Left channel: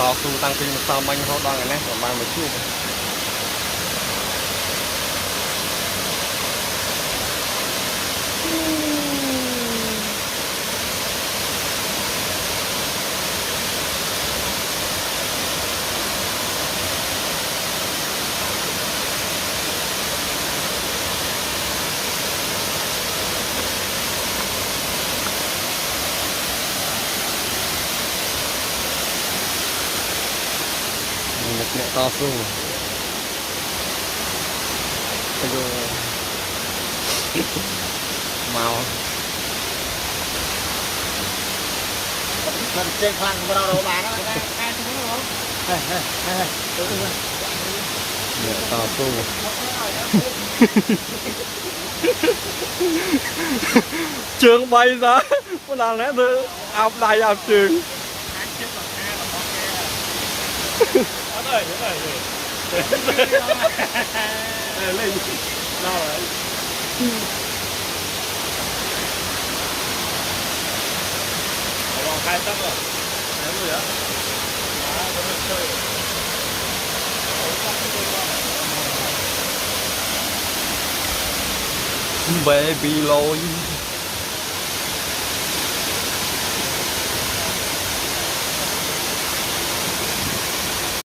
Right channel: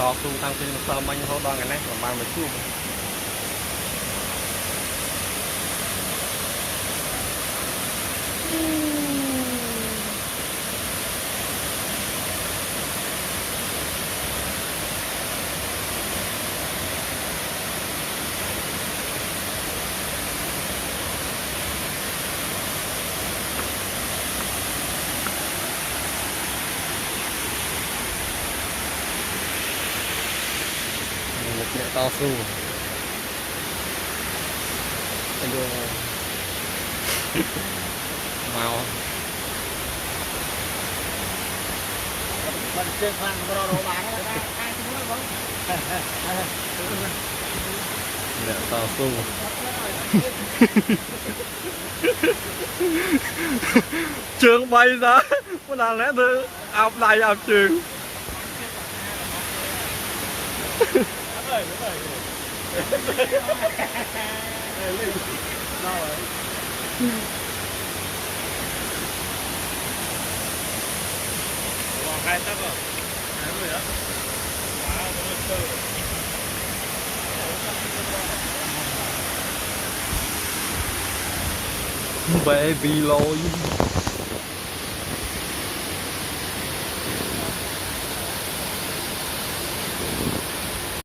ต่อสู้ตั้งปีมาซ้อมมันเขาดองกันนะประมาณมาช่วงเนี่ยต่อสู้ไปดูเมา มันเจ๊งพลังของเราบานแล้วเนี่ยต่อสู้trường bay ra có làm lẽ thứ áp này áp trường baby lôi